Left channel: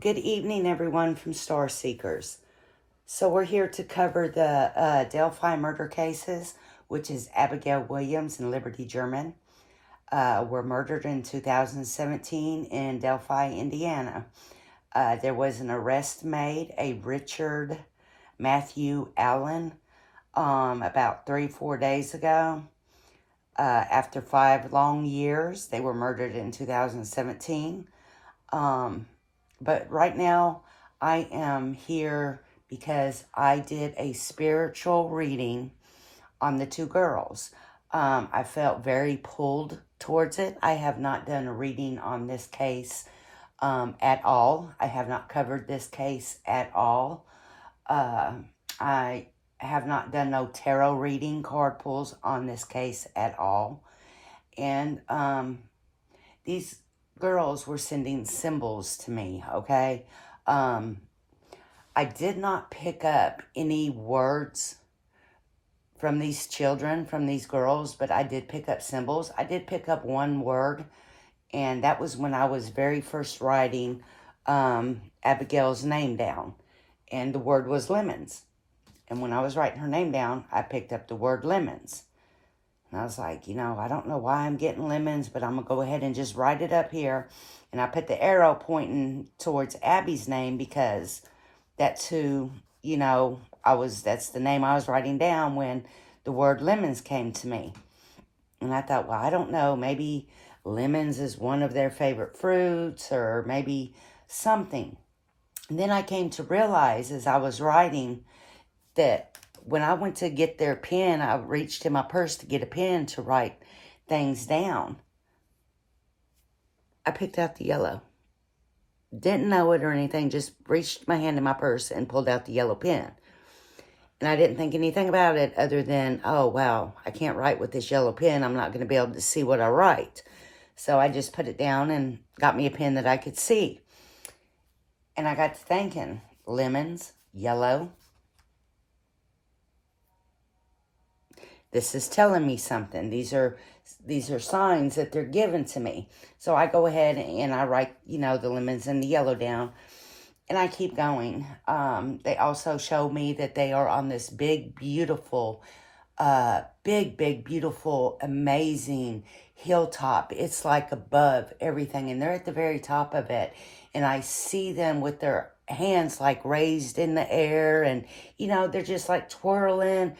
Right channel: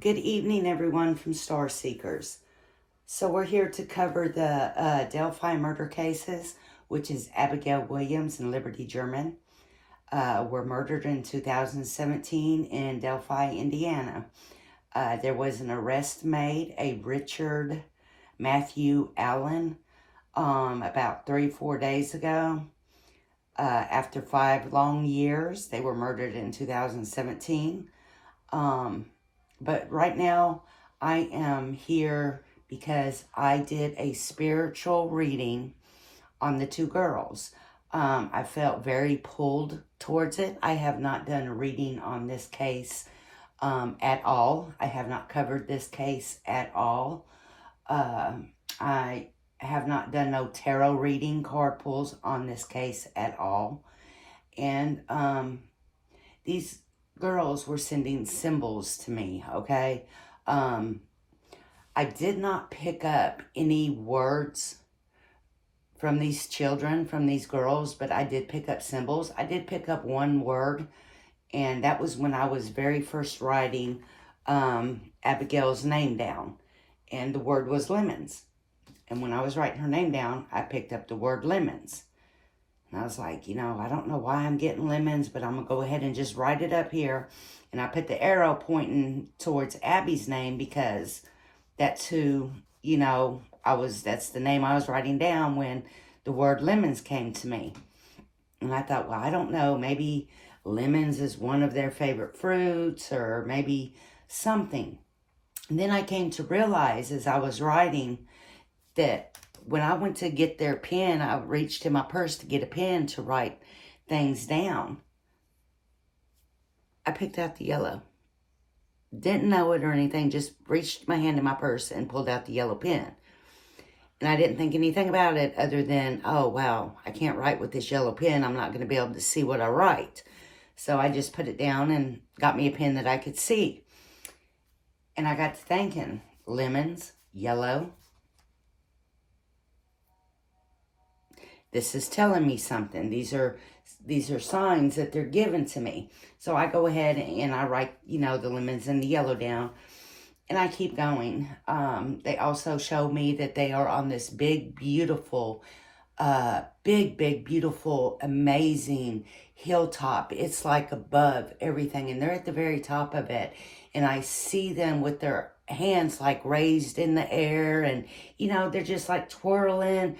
Good evening, everyone from Star Seekers. So we're here to cover the Delphi murder cases, which is Abigail Williams and Liberty German. Were murdered in 2017 in Delphi, Indiana. There was an arrest made, a Richard Matthew Allen, about 3-4 days ago. After 5 long years, they were murdered in 2017. But right now, I am here because I did a spiritual reading on the two girls. I felt very pulled towards it. I have not done a reading on this case at all. I have not covered this case at all. I have not done no tarot reading, card pulls on this case at all. And these girls were sending symbols to me, okay? I did not pick up any words from these children, from these girls, but I did pick up symbols. I did pick up one word, and that was when I was very first writing Abigail's name down, and the word was lemons. And when I was writing her name down, I picked up the word lemons. And I was like, I don't know why I'm getting lemons, but I'm going to go ahead and just write it up here. And I put the arrow pointing towards Abby's name because that's who, that's the name I was writing down when the word lemons came to me. And I thought, well, I don't know, maybe lemons is one of their favorite fruits or maybe something. And then I came to realize as I was writing that when I went to get their pen, I reached in my purse to get a pen to write things down. I picked out the yellow. Didn't know it or anything, just reached my hand in my purse and pulled out the yellow pen. And I didn't think anything about it other than, oh, wow, I can't write with this yellow pen. I'm not going to be able to see what I write. So I just put it down and got me a pen that I could see. And I got to thinking, lemons, yellow. This is telling me something. These are signs that they're giving to me. So I go ahead and I write, the lemons and the yellow down. And I keep going. They also show me that they are on this big, beautiful, beautiful, amazing hilltop. It's like above everything. And they're at the very top of it. And I see them with their hands like raised in the air. And, they're just like twirling.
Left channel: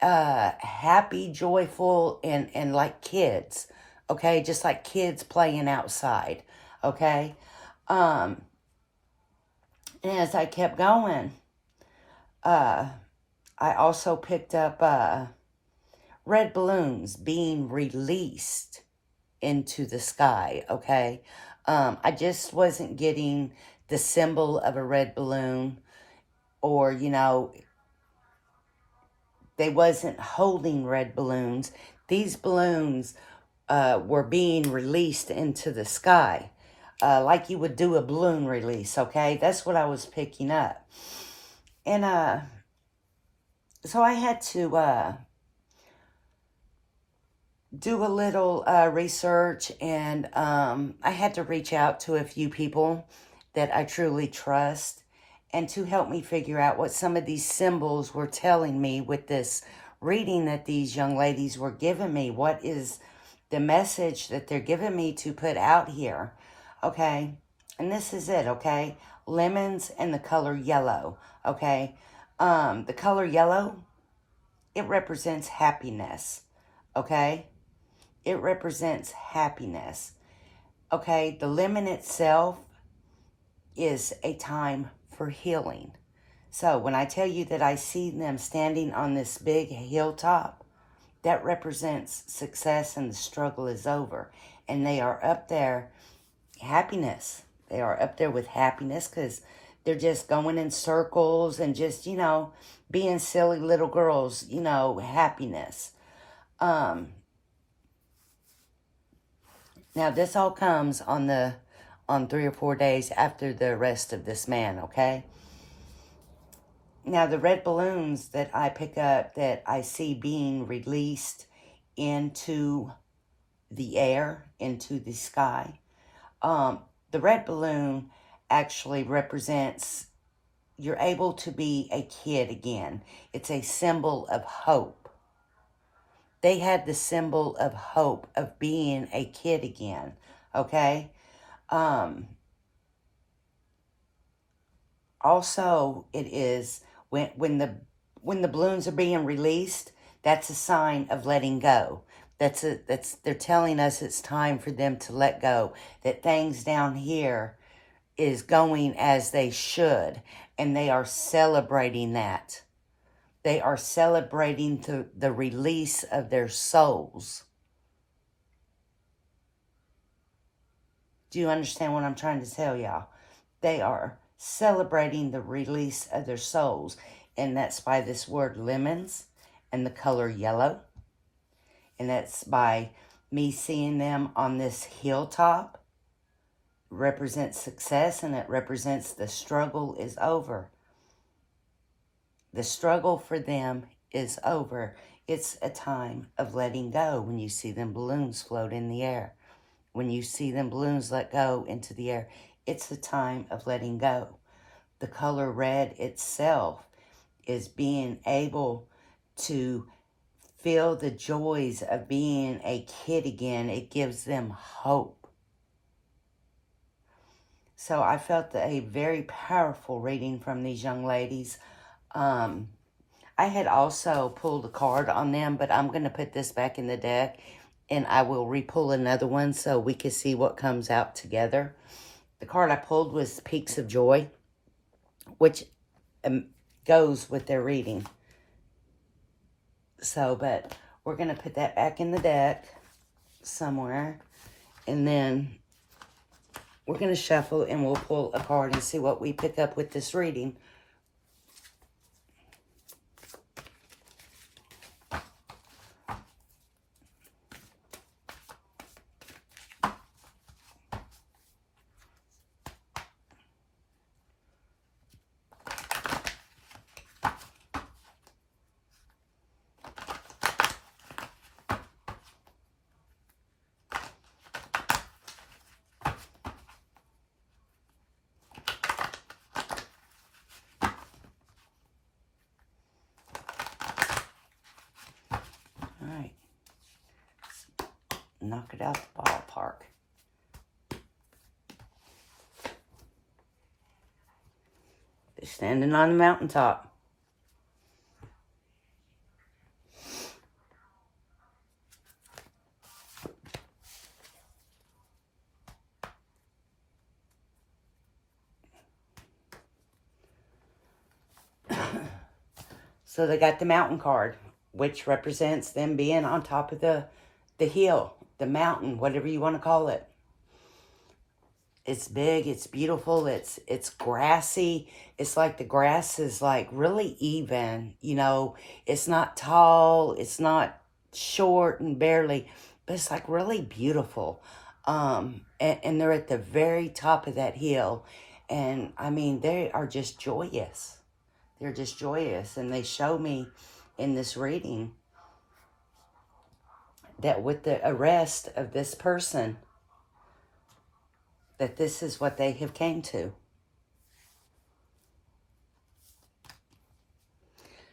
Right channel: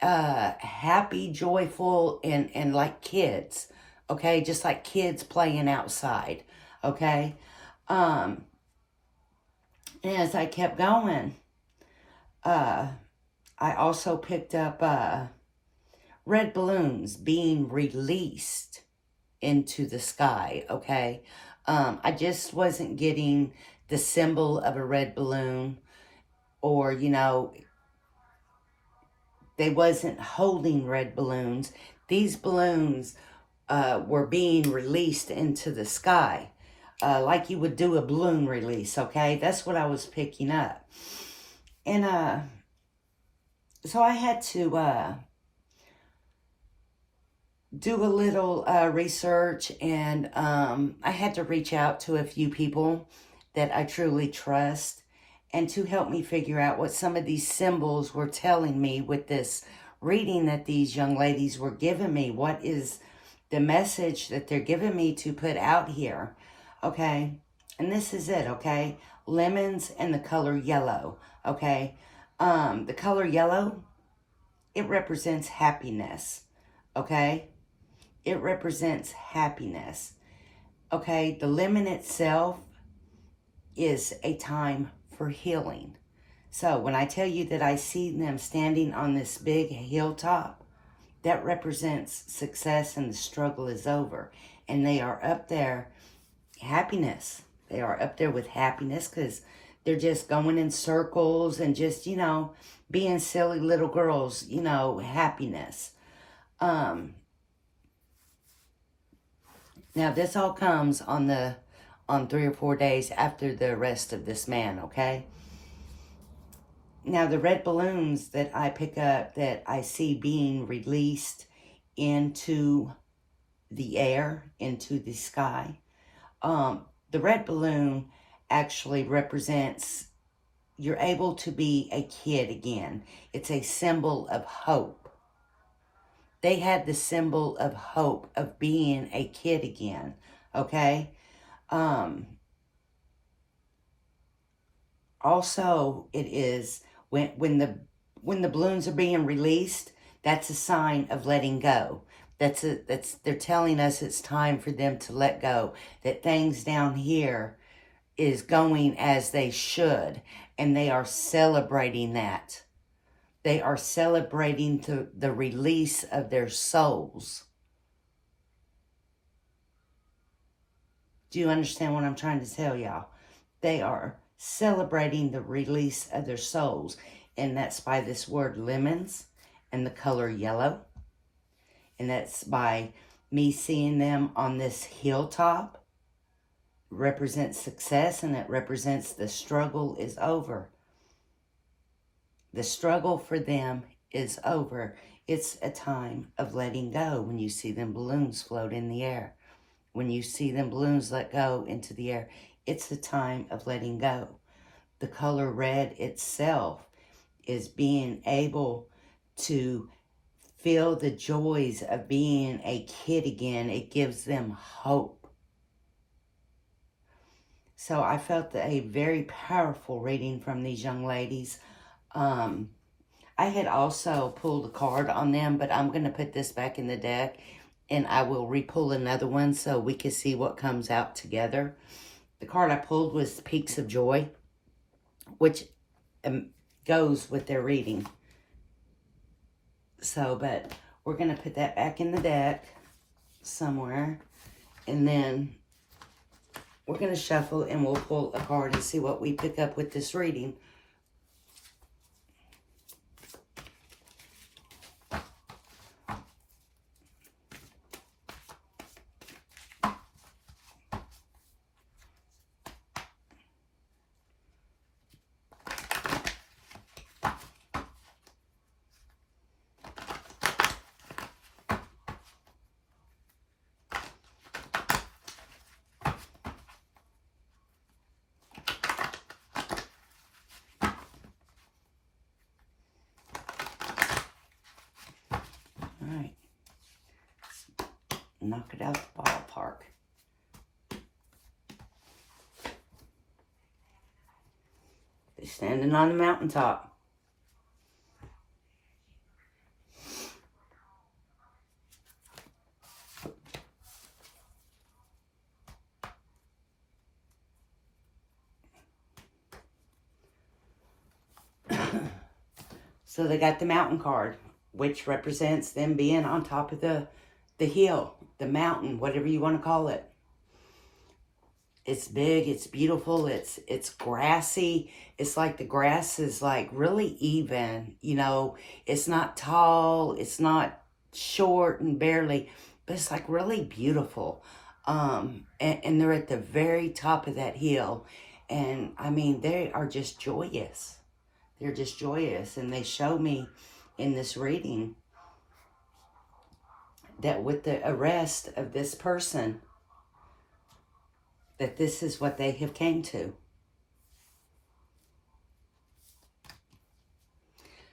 Happy, joyful, and like kids, okay? Just like kids playing outside, okay? And as I kept going, I also picked up red balloons being released into the sky, okay? I just wasn't getting the symbol of a red balloon or, they wasn't holding red balloons. These balloons were being released into the sky. Like you would do a balloon release, okay? That's what I was picking up. And so I had to do a little research, and I had to reach out to a few people that I truly trust and to help me figure out what some of these symbols were telling me with this reading that these young ladies were giving me. What is the message that they're giving me to put out here? Okay, and this is it, okay? Lemons and the color yellow, okay? The color yellow, it represents happiness, okay? It represents happiness, okay? The lemon itself is a time for healing. So when I tell you that I see them standing on this big hilltop, that represents success and the struggle is over. And they are up there, happiness. They are up there with happiness because they're just going in circles and just, being silly little girls, happiness. Now this all comes on 3 or 4 days after the arrest of this man, okay? Now, the red balloons that I pick up that I see being released into the air, into the sky, the red balloon actually represents you're able to be a kid again. It's a symbol of hope. They had the symbol of hope of being a kid again, okay? Also, it is when the balloons are being released, that's a sign of letting go. They're telling us it's time for them to let go. That things down here is going as they should, and they are celebrating that. They are celebrating the release of their souls. Do you understand what I'm trying to tell y'all? They are celebrating the release of their souls, and that's by this word lemons and the color yellow, and that's by me seeing them on this hilltop. Represents success, and it represents the struggle is over. The struggle for them is over. It's a time of letting go when you see them balloons float in the air. When you see them balloons let go into the air, it's a time of letting go. The color red itself is being able to feel the joys of being a kid again. It gives them hope. So I felt a very powerful reading from these young ladies. I had also pulled a card on them, but I'm going to put this back in the deck, and I will re-pull another one so we can see what comes out together. The card I pulled was Peaks of Joy, which goes with their reading. So, but we're going to put that back in the deck somewhere, and then we're going to shuffle, and we'll pull a card and see what we pick up with this reading. All right. Knock it out the ballpark. They're standing on the mountaintop. So they got the mountain card, which represents them being on top of the hill, the mountain, whatever you want to call it. It's big, it's beautiful, it's grassy. It's like the grass is like really even, you know. It's not tall, it's not short and barely, but it's like really beautiful. And they're at the very top of that hill. And I mean, they are just joyous. They're just joyous. And they show me in this reading that with the arrest of this person, that this is what they have came to.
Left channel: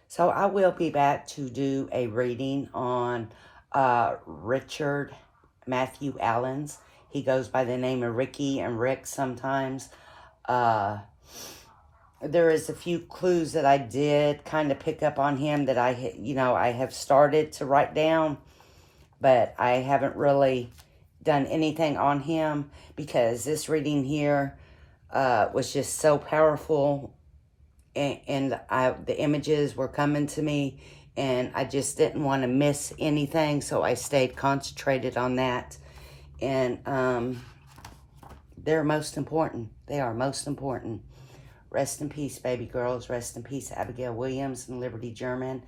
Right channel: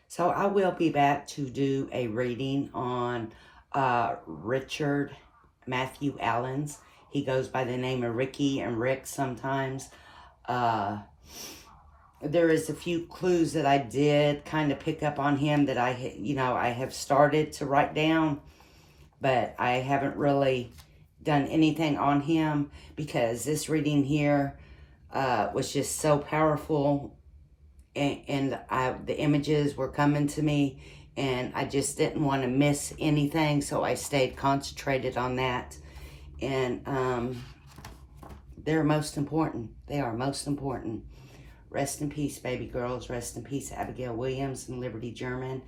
So I will be back to do a reading on Richard Matthew Allen's. He goes by the name of Ricky and Rick sometimes. There is a few clues that I did kind of pick up on him that I have started to write down, but I haven't really done anything on him because this reading here was just so powerful, and the images were coming to me, and I just didn't want to miss anything, so I stayed concentrated on that. And they're most important. They are most important. Rest in peace, baby girls. Rest in peace, Abigail Williams and Liberty German.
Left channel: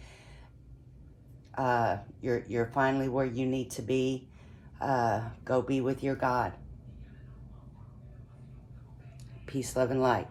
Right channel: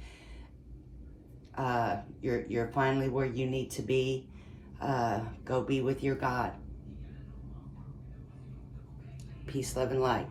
You're finally where you need to be. Go be with your God. Peace, love, and light.